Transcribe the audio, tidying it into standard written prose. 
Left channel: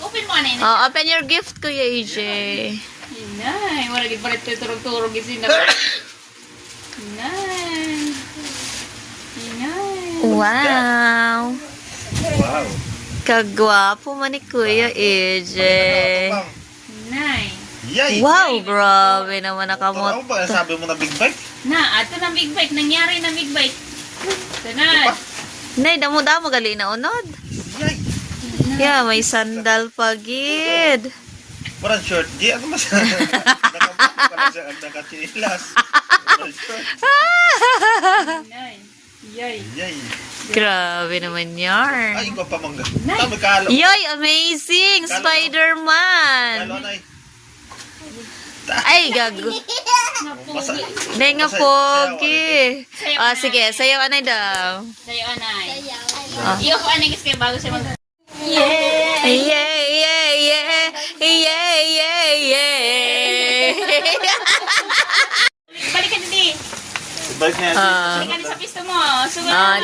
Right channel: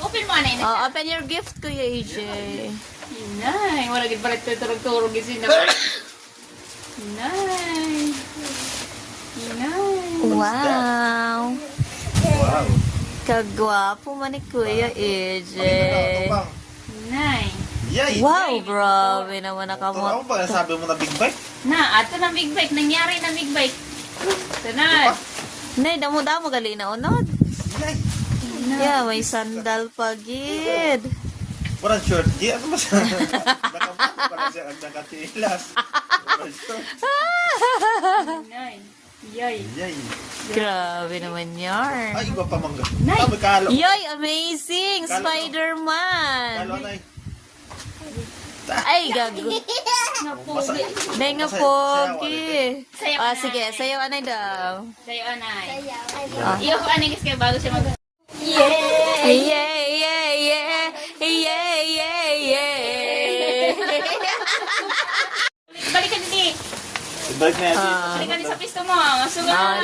Open mo, anay. Oh, open your gift, Kuya AJ. Inay, wala di palit turog-turog isin na. Inay. Inay. Wow. Wow. Kagwapo man ni Kuya AJ. Inay. Yay! Wow, grabe naman Ano nakamot. ba sabi mo na big bike? Na, ato na big bike. Nangyari na big bike. Ito na. Nay, damo-damo gali na unod. Yay! Yeah, may sandal pa gid. Walang short. Di, ano ba siya? Nakatilas. Walang short. Inay. Yay. Yay! Grabe naman yarn. Ay, iba pa mangga. Nay. Tama, kalo. Yoy, amazing! Kalo Spider-Man! na eh. Ay, gago. Napogi. Day nga pogi. Ah, sige, sayo anay daw. Sa'yo, anay. Ah. Iyo ko, anay, kasi bago siya mag... Yeah, yeah, yeah, yeah, yeah, yeah. Balik ka dito. Balik na yan. Ah. Balik ka na sa pista mo. Sugat Ah,